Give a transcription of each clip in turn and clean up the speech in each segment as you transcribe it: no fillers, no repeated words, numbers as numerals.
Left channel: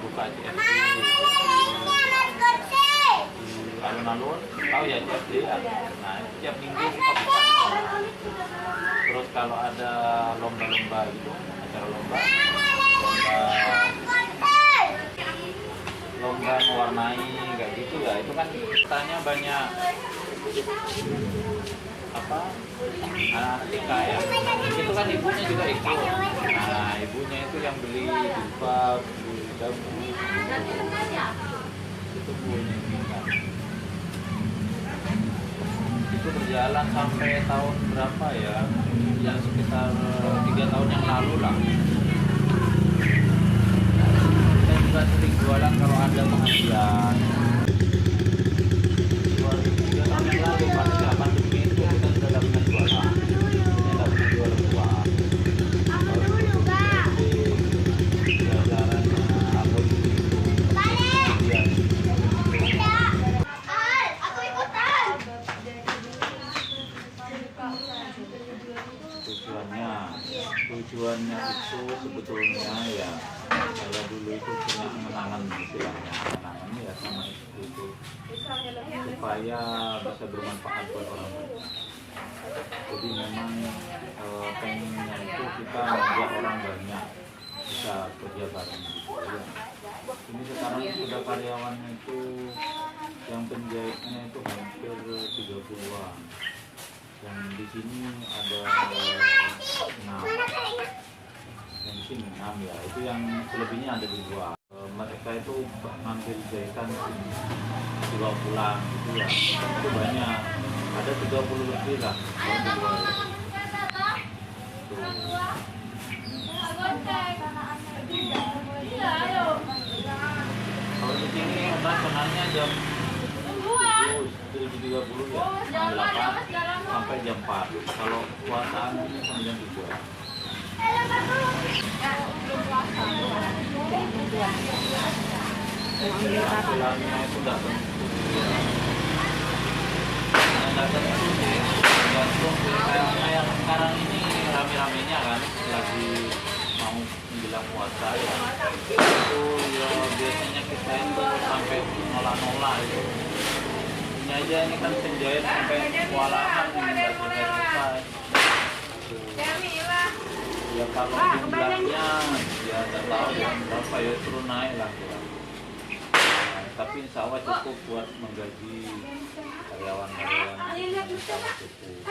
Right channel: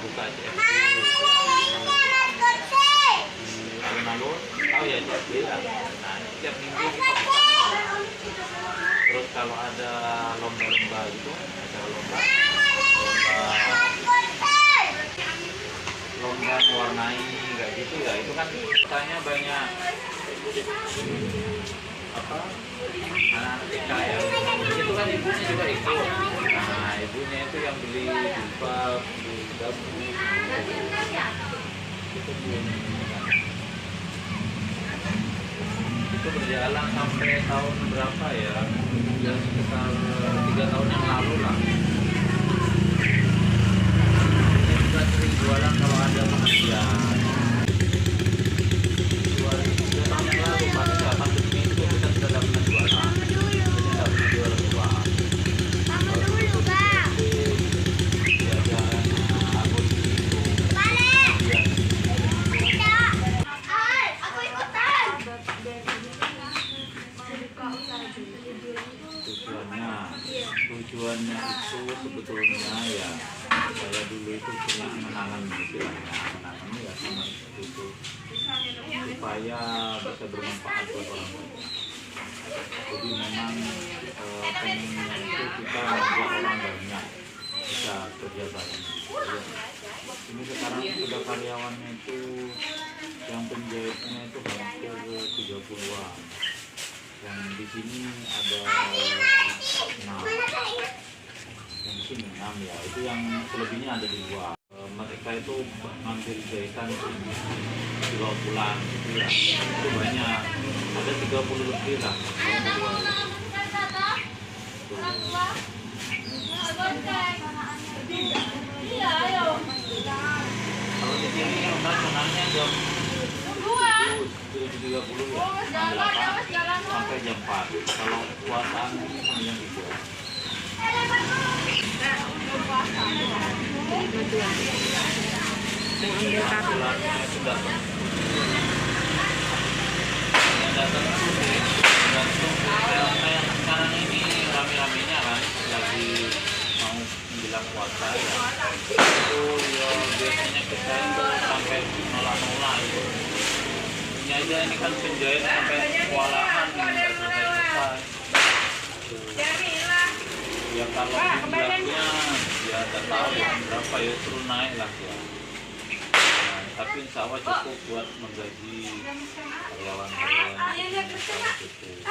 buka CFD di alun-alun, tahu ya CFD ya. Nah setiap minggu kita buka. Terus kalau ada lomba-lomba gitu, acara lomba mewarnai kayak gitu ya, itu kan katanya banyak apa anak-anak PKL itu kan ibunya juga ikut. Nah ibunya itu yang beli jilbab, beli dabu itu pun itu berjalan sampai tahun berapa ya, yang sekitar 3 tahun yang lalu lah. Kita juga sering jualan kalau ada pengajian. 3 tahun yang lalu pas pandemi itu kita sudah dapat jualan, kita dapat jual uang. Kalau dulu itu diajarannya aku tujuannya itu sebetulnya ya saya dulu itu punya kenangan istilahnya kenangan ya sama itu supaya bisa bermanfaat buat orang banyak. Jadi memang pengennya itu kita membuat orang banyak bisa kerja bareng. Ya. Ini sekarang udah karyawannya itu yang penjahitnya itu hampir 30-an. Yang di sini ada 6, yang di sini 6 ya, itu yang selebihnya ada di luar. Mereka itu ngambil jahitan dibawa pulang gitu ya, itu banyak, ada 30 lebih lah yang di luar. Kalau di sini operasionalnya jam 7.30 ya, jam 8 sampai jam 4. Kalau puasaan ini sampai jam 3. Bulannya itu datang. Yang datang itu sih, tergantung kayak sekarang ini rame-ramenya kan, lagi mau menjelang puasa ya. Itu ya biasanya kita itu sampai nola-nola itu. Ini aja ini kan penjahit sampai kewalahan nggak selesai-selesai. Ya kalau jumlahnya ya nggak tahu ya berapa ya, terus naik lah ya. Nah, tapi insya Allah cukup buat menggaji karyawan-karyawan. Insya Allah cukup.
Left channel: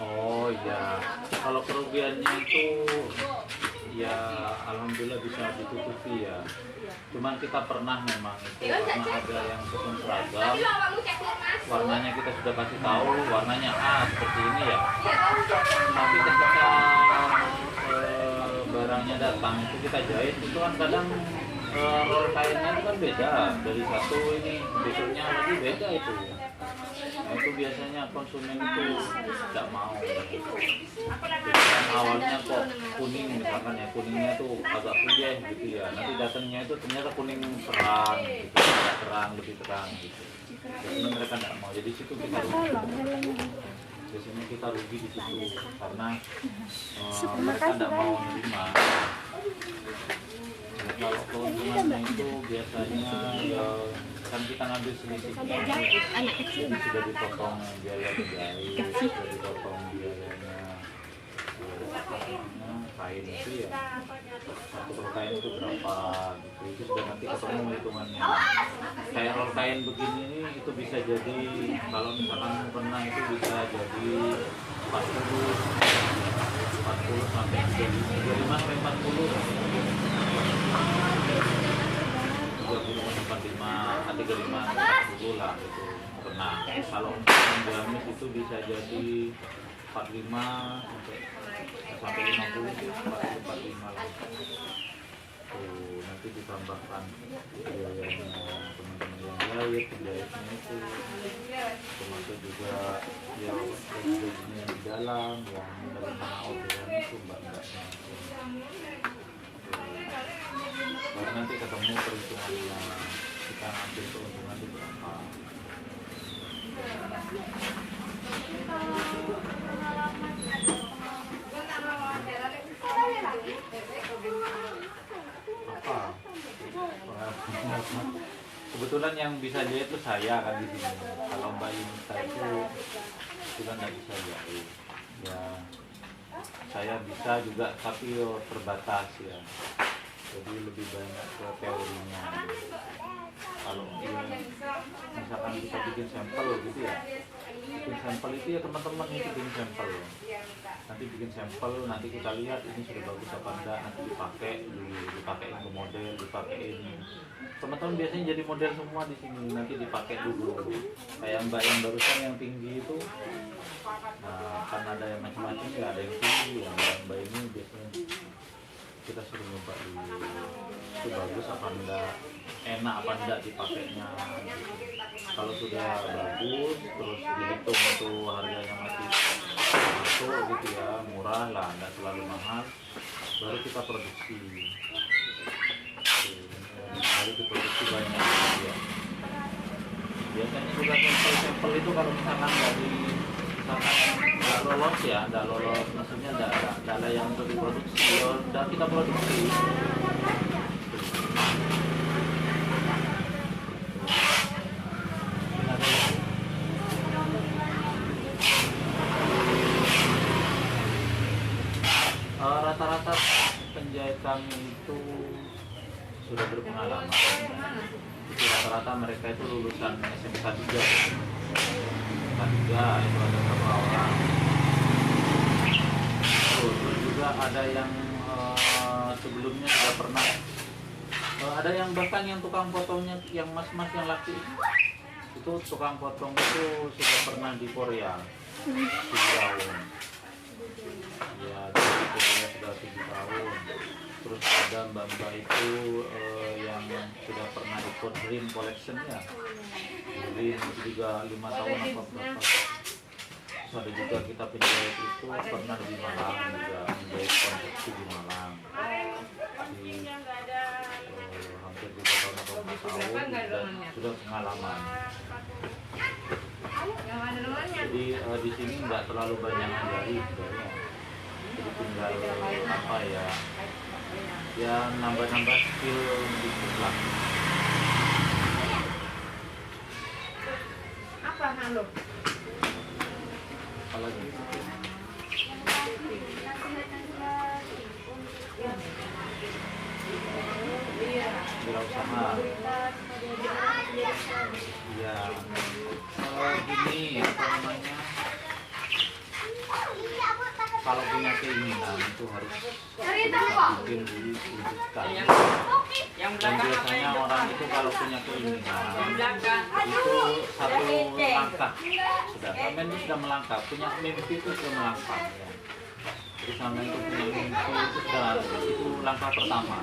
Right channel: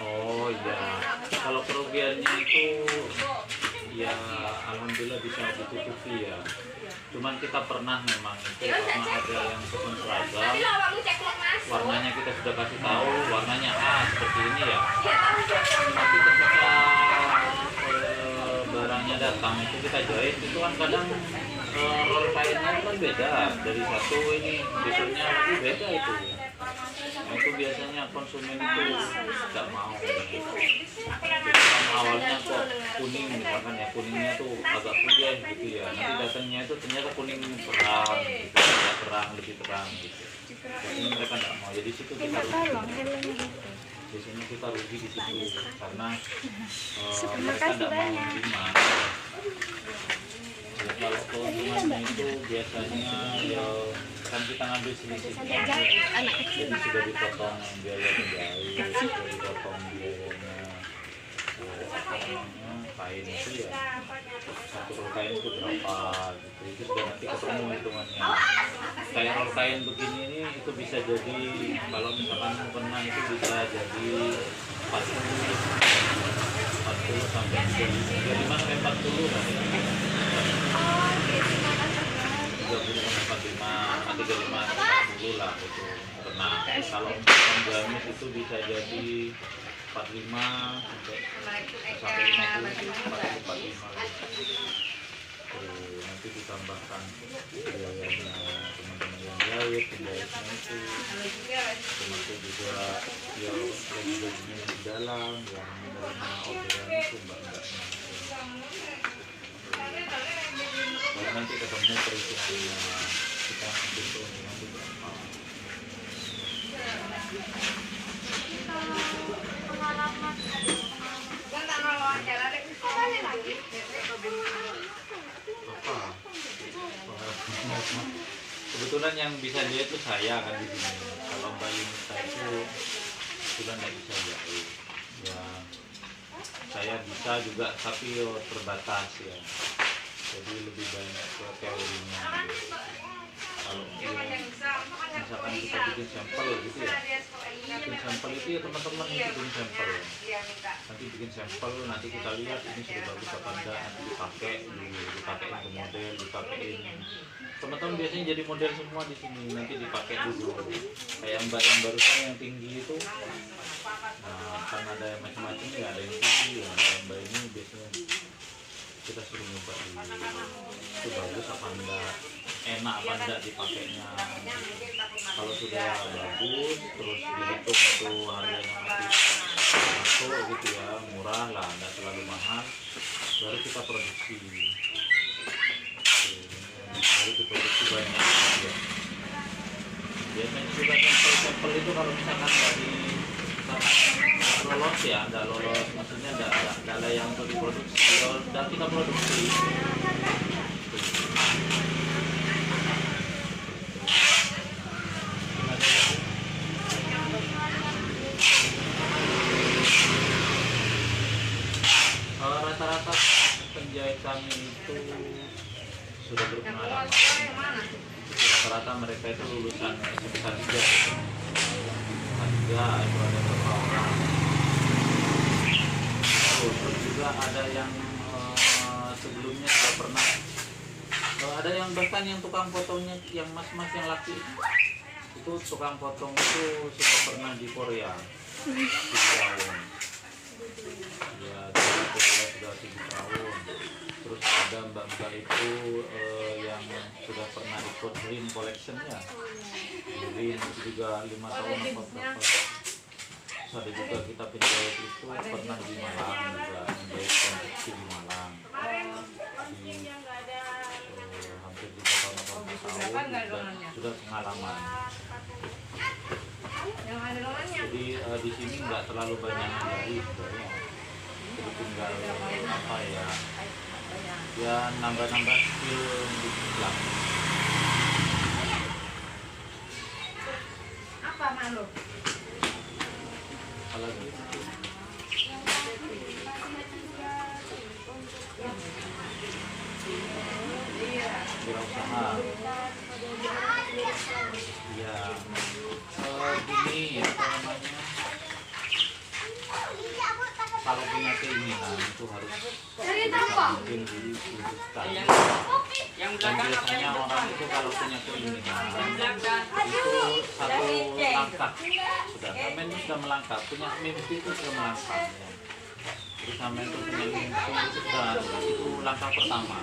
Oh ya, kalau kerugiannya itu ya alhamdulillah bisa ditutupi ya. Cuman kita pernah memang itu karena ada yang pesen seragam, warnanya kita sudah kasih tahu warnanya A seperti ini ya. Tapi ketika barangnya datang itu kita jahit itu kan kadang roll kainnya kan beda, dari satu ini besoknya lagi beda itu. Nah itu biasanya konsumen itu tidak mau. Jadi kan awalnya kok kuning misalkan ya, kuningnya tuh agak putih gitu ya, nanti datangnya itu ternyata kuning terang gitu, agak terang, lebih terang gitu. Jadi mereka tidak mau, jadi situ kita rugi. Biasanya kita rugi di situ karena mereka tidak mau menerima. Ya, kalau keuntungannya itu biasanya ya kan kita ngambil selisihnya, jadi sudah dipotong biaya penjahit, sudah dipotong biayanya kain itu ya, satu roll kain itu berapa gitu, itu sudah nanti ketemu hitungannya. Kayak roll kain begini ini itu bisa jadi kalau misalkan kena itu bisa jadi 40 sampai 35 sampai 40 kan. 30 sampai 45, 35, 40 lah itu kena. Kalau pengamis itu bisa jadi 45 sampai 50, 45 lah. Tuh, nanti ditambahkan biayanya teman-teman yang jahit, penjahitnya itu, termasuk juga ya gajinya di dalam, yang menerima orderan itu mbak-mbaknya. Baru nanti ketemu perhitungannya. kita ambil keuntungan itu berapa. Apa? Kebetulan yang bisa jahit itu saya kan di sini. Kalau Mbak Yunita itu sudah nggak bisa jahit. Ya, saya bisa juga tapi terbatas ya. Jadi lebih banyak ke teorinya. Kalau misalkan kita bikin sampel gitu ya, bikin sampel itu ya teman-teman itu bikin sampel. Nanti bikin sampel, nanti kita lihat ini sudah bagus apa enggak, nanti dipakai dulu, dipakein ke model, dipakein. Teman-teman biasanya jadi model semua di sini, nanti dipakai dulu. Kayak Mbak yang barusan yang tinggi itu, nah kan ada yang macam-macam ya, ada yang tinggi, ya. Mbak ini biasanya kita suruh nyoba dulu, itu bagus apa enggak, enak apa enggak dipakainya. Kalau sudah bagus, terus dihitung itu harganya masih masuk gitu ya, murah lah, enggak terlalu mahal, baru kita produksi. Baru diproduksi banyak ya. Biasanya juga sampel itu kalau misalkan dari nggak lolos ya, nggak lolos, maksudnya nggak ada yang untuk diproduksi, kalau udah kita produksi. Rata-rata penjahit kami itu sudah berpengalaman. Rata-rata mereka itu lulusan SMK 3. SMK 3 itu ada beberapa orang. Terus juga ada yang sebelumnya sudah pernah. Ada yang bahkan yang tukang potongnya, yang mas-mas yang laki itu tukang potong itu sudah pernah di Korea 7 tahun. Ya, jadi Korea sudah 7 tahun. Terus ada mbak-mbak itu yang sudah pernah ikut Dream Collection ya, Dream itu juga 5 tahun apa berapa. Terus ada juga kita penjahit itu pernah di Malang juga, menjahit konveksi di Malang di hampir 3 tahun atau 4 tahun sudah pengalaman. Jadi di sini nggak terlalu banyak dari sebenarnya, jadi tinggal apa ya nambah-nambah skill dikit lah. Apa malu? Apalagi wirausaha. Ya, gini apa namanya? Kalau punya keinginan itu harus mungkin diwujudkan. Dan biasanya orang itu kalau punya keinginan itu satu langkah sudah, sampai itu sudah melangkah, punya mimpi itu sudah melangkah ya. Jadi sampai itu punya mimpi itu sudah, itu langkah pertama.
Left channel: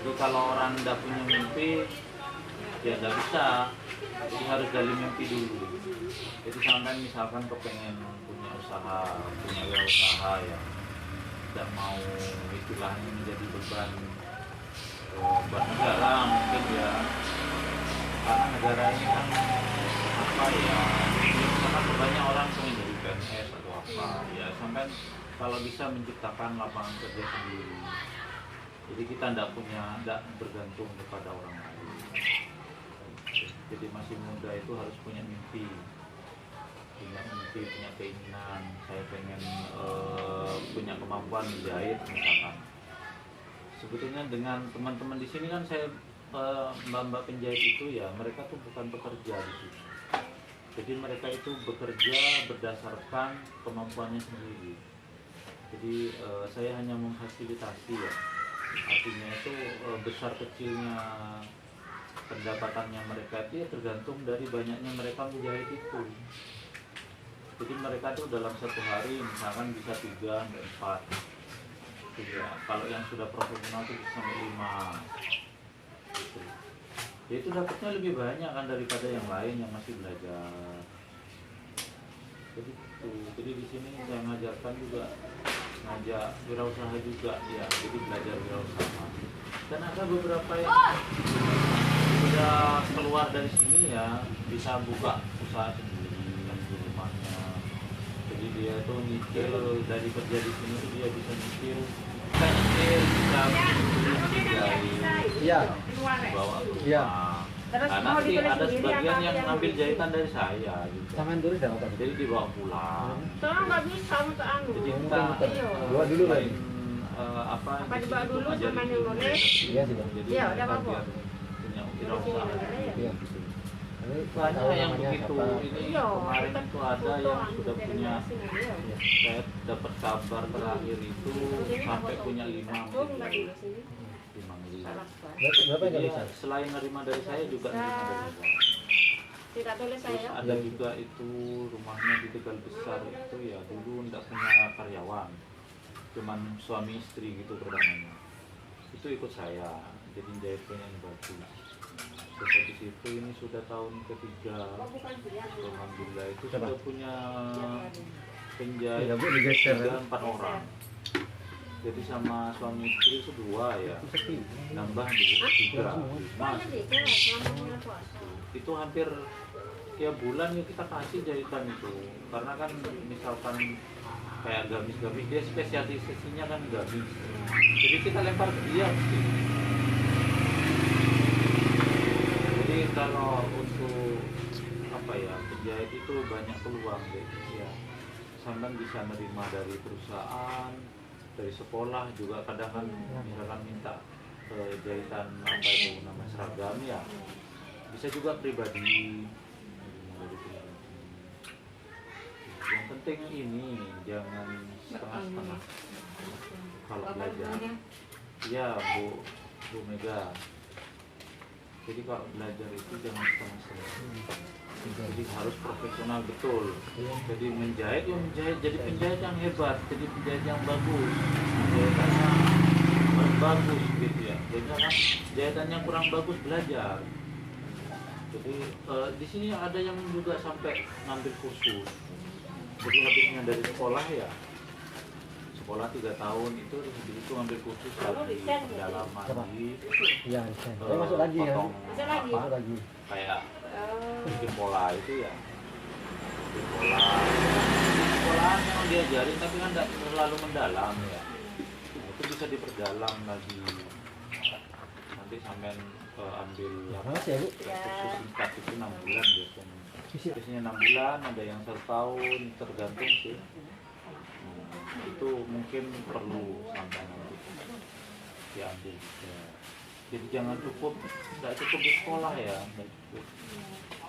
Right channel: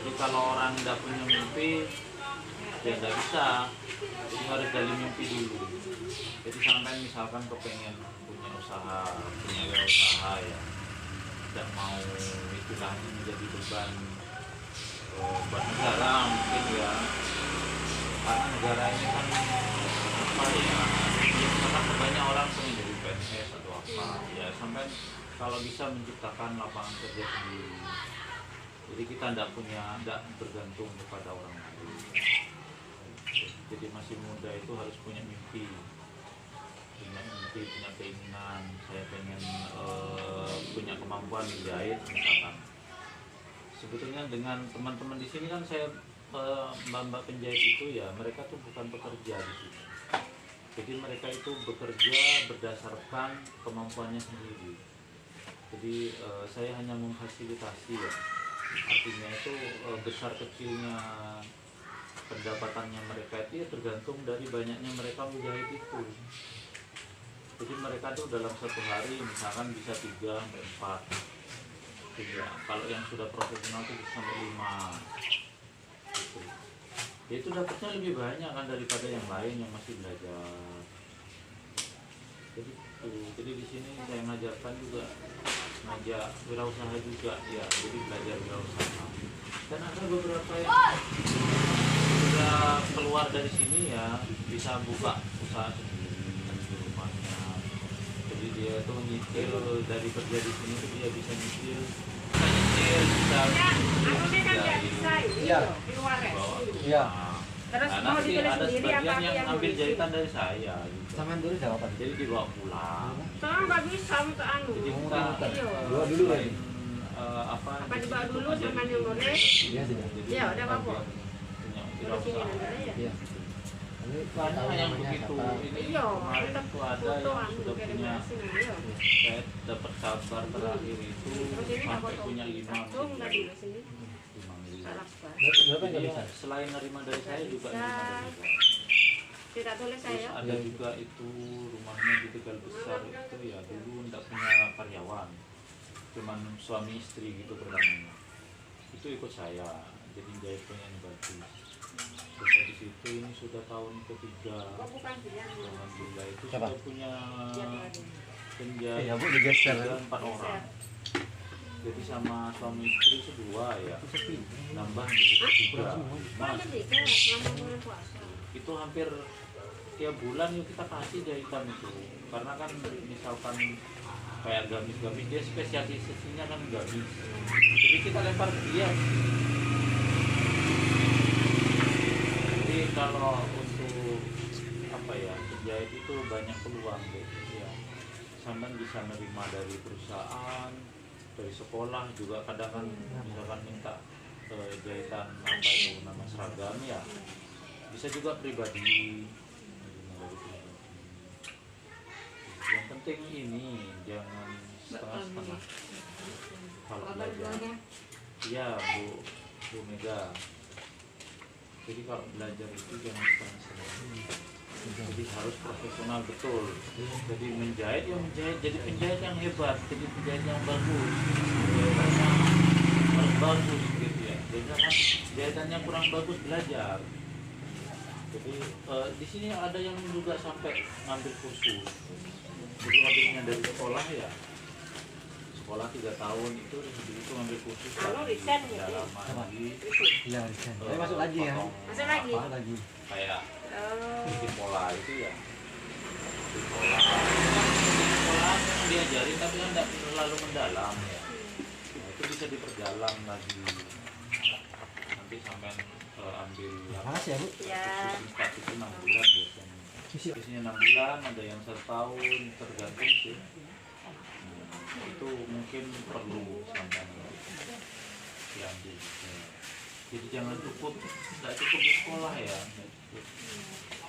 Jadi kalau orang tidak punya mimpi ya tidak bisa, jadi harus dari mimpi dulu. Jadi sampai misalkan kepengen punya usaha, punya wirausaha ya, tidak mau istilahnya menjadi beban buat negara mungkin ya, karena negara ini kan apa ya, karena banyak orang pengen jadi PNS atau apa ya, sampai kalau bisa menciptakan lapangan kerja sendiri. Jadi kita tidak bergantung kepada orang lain. Jadi masih muda itu harus punya mimpi, punya keinginan. Saya pengen punya kemampuan menjahit misalkan. Sebetulnya dengan teman-teman di sini kan saya mbak-mbak penjahit itu ya, mereka tuh bukan pekerja di sini. Jadi mereka itu bekerja berdasarkan kemampuannya sendiri. Jadi saya hanya memfasilitasi ya. Artinya itu besar kecilnya pendapatannya mereka itu ya tergantung dari banyaknya mereka menjahit itu. Jadi mereka tuh dalam satu hari misalkan bisa 3 sampai 4. Ya, kalau yang sudah profesional itu bisa sampai 5 gitu. Ya, itu dapatnya lebih banyak kan daripada yang lain yang masih belajar. Jadi di sini saya ngajarkan juga, ngajak wirausaha juga ya, jadi belajar wirausaha. Dan ada beberapa yang sudah sudah keluar dari sini ya bisa buka usaha sendiri di rumahnya. Jadi dia tuh nyicil dari kerja di sini tuh dia bisa nyicil, bisa jahit, Iya. bawa ke Iya. rumah. Terus Nah, mau nanti ditulis ada sendiri sebagian apa yang yang ngambil gitu? jahitan dari saya gitu. Sampean dulu jawab apa? Jadi dibawa pulang. Soalnya nggak bisa untuk anu. Jadi kita Iya. Dua dulu, selain apa dibawa itu dulu menjadi sama yang boleh? Iya, sudah. Jadi Iya, udah kita apa-apa. biar punya Udah usaha. punya ya? Iya. Ini Banyak tahu yang namanya begitu. siapa. Ini Iya, kemarin kita itu ada yang fotoan sudah kayak punya. generasi ini, iya. Saya dapat kabar terakhir itu sampai punya 5 Aku nggak dulu sih. 5 miliar. Salah sekali. Berapa yang Jadi nggak ya, bisa? selain nerima dari saya juga nerima dari luar. Tidak tulis Terus saya. ada juga itu rumahnya di Tegal Besar itu ya dulu tidak punya karyawan, cuman suami istri gitu pertamanya. Itu ikut saya, jadi jahitnya ini bagus. Terus habis itu ini sudah tahun ketiga, Oh, bukan bilang. alhamdulillah itu Siapa? sudah punya Iya, penjahit Bu, digeser. 4 orang. Jadi sama suami istri itu 2 ya, nambah 3. Mas, Makanya beda sama bulan puasa. itu hampir tiap bulan yuk kita kasih jahitan itu, karena kan misalkan kayak gamis-gamis dia spesialisasinya kan gamis, jadi kita lempar ke dia. Jadi kalau untuk apa ya, penjahit itu banyak peluang deh ya, sampai bisa nerima dari perusahaan, dari sekolah juga kadang kan misalkan minta jahitan apa itu nama seragam ya, bisa juga pribadi. Yang penting ini jangan setengah-setengah kalau belajar. Iya Bu Mega. Jadi kalau belajar itu jangan setengah-setengah. Jadi harus profesional betul. Jadi menjahit ya menjahit, jadi penjahit yang hebat, jadi penjahit yang bagus. Jahitannya harus bagus gitu ya. Jadi kan jahitannya kurang bagus belajar. Jadi di sini ada yang juga sampai ngambil kursus. Jadi habisnya dari sekolah ya, sekolah 3 tahun itu habis itu ngambil kursus lagi, pendalaman lagi, Iya, bisa. Saya masuk lagi ya. potong Masuk lagi? Masuk lagi. kayak Oh. bikin pola itu ya, bikin pola, polahan yang diajarin tapi kan tidak terlalu mendalam ya. Nah, itu bisa diperdalam lagi, nanti sampai ambil Mana sih, Bu? kursus singkat itu 6 bulan biasanya. Biasanya 6 bulan, ada yang 1 tahun, tergantung sih. Nah, itu mungkin perlu sampai nanti diambil. Ya. Jadi jangan cukup, nggak cukup di sekolah ya, nggak cukup.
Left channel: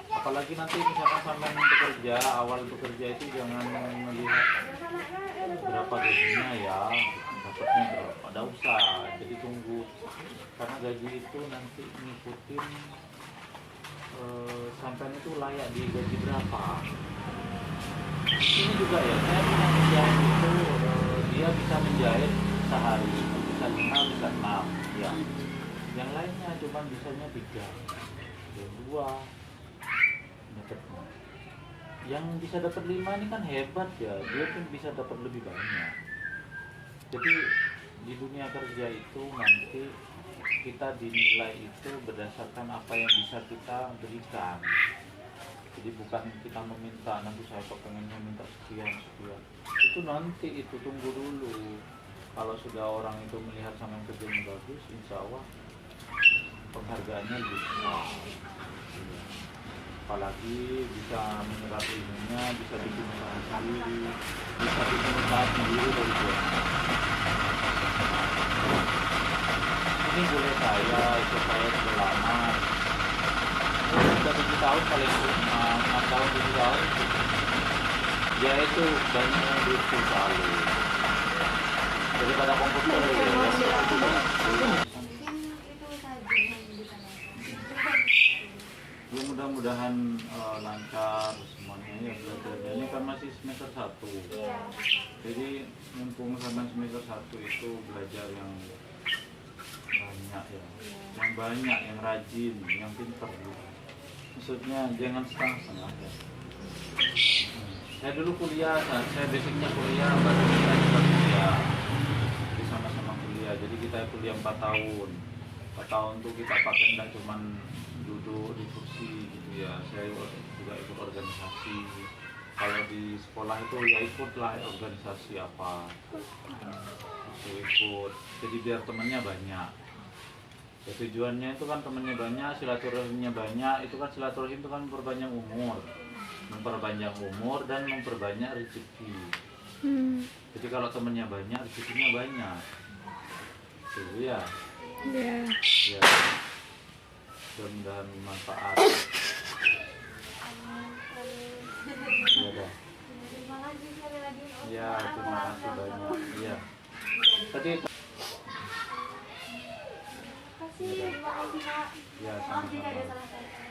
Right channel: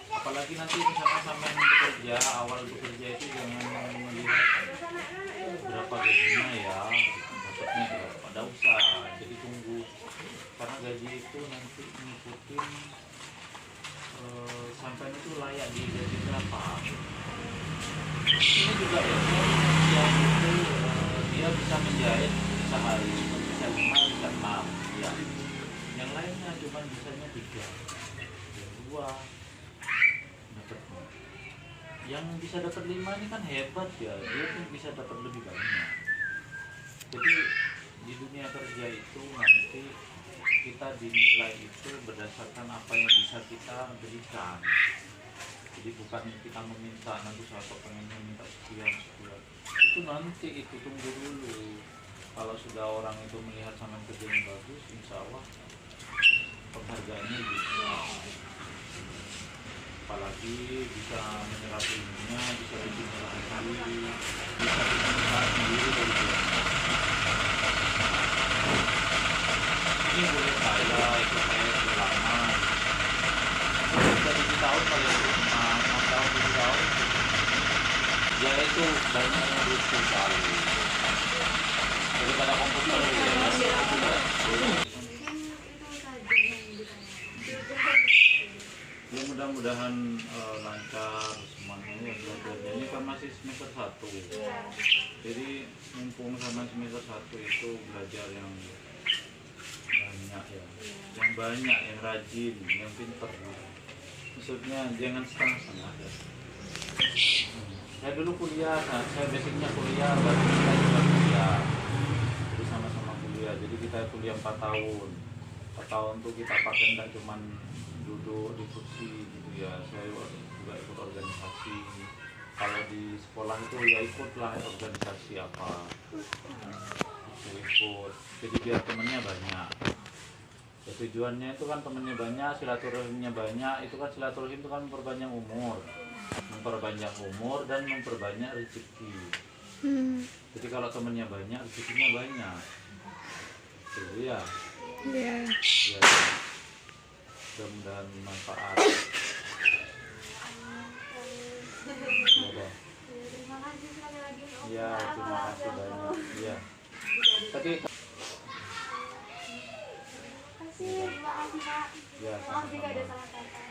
Apalagi nanti misalkan sampai bekerja, awal bekerja itu jangan melihat berapa gajinya ya, dapatnya berapa, ada usah. Jadi tunggu, karena gaji itu nanti ngikutin sampai itu layak di gaji berapa. Ini juga ya, saya punya penjahit itu dia bisa menjahit sehari, bisa 5, bisa 6 ya. Yang lainnya cuma bisanya 3, yang 2 dapatnya. Yang bisa dapat 5 ini kan hebat ya, dia tuh bisa dapat lebih banyak. Jadi di dunia kerja itu nanti kita dinilai itu berdasarkan apa yang bisa kita berikan. Jadi bukan kita meminta, nanti saya pengen meminta sekian. Itu nanti itu tunggu dulu. Kalau sudah orang itu melihat sama kerjanya bagus, insya Allah penghargaannya bisa. Apalagi bisa menyerap ilmunya, bisa bikin usaha sendiri, bisa bikin usaha sendiri dari bawah. Ini boleh saya, ikut saya sudah lama. Sudah 7 tahun paling 6 tahun, 7 tahun. Ya itu banyak duit sekali. Daripada komputer ya mudah-mudahan lancar semuanya ya belajarnya. Ini kan masih semester 1. Jadi mumpung sampai semester 1 itu belajar yang banyak ya, yang banyak, yang rajin, yang pinter. Maksudnya jangan setengah-setengah ya. Saya dulu kuliah, saya basicnya kuliah, baru kita juga kuliah. Jadi sama-sama kuliah. Jadi kita kuliah 4 tahun. 4 tahun tuh kita pakai enggak cuman duduk untuk diskusi gitu ya. Saya juga ikut organisasi. Kalau di sekolah itu ya ikutlah organisasi apa, itu ikut. Jadi biar temennya banyak. Ya, tujuannya itu kan temennya banyak, silaturahimnya banyak. Itu kan silaturahim itu kan memperbanyak umur dan memperbanyak rezeki. Jadi kalau temennya banyak, rezekinya banyak. Itu ya. Iya. Ya. Mudah-mudahan manfaat. Iya dah. Terima kasih sekali lagi. Om. Ya, terima kasih banyak. Iya. Tadi Terima kasih, makasih Pak. ya Maaf jika ada sama-sama. salah kata.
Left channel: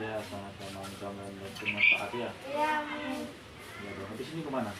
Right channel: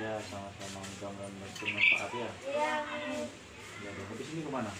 Ya, sama-sama. Mudah-mudahan bermanfaat ya. Iya, amin. Ya, dong. Habis ini kemana?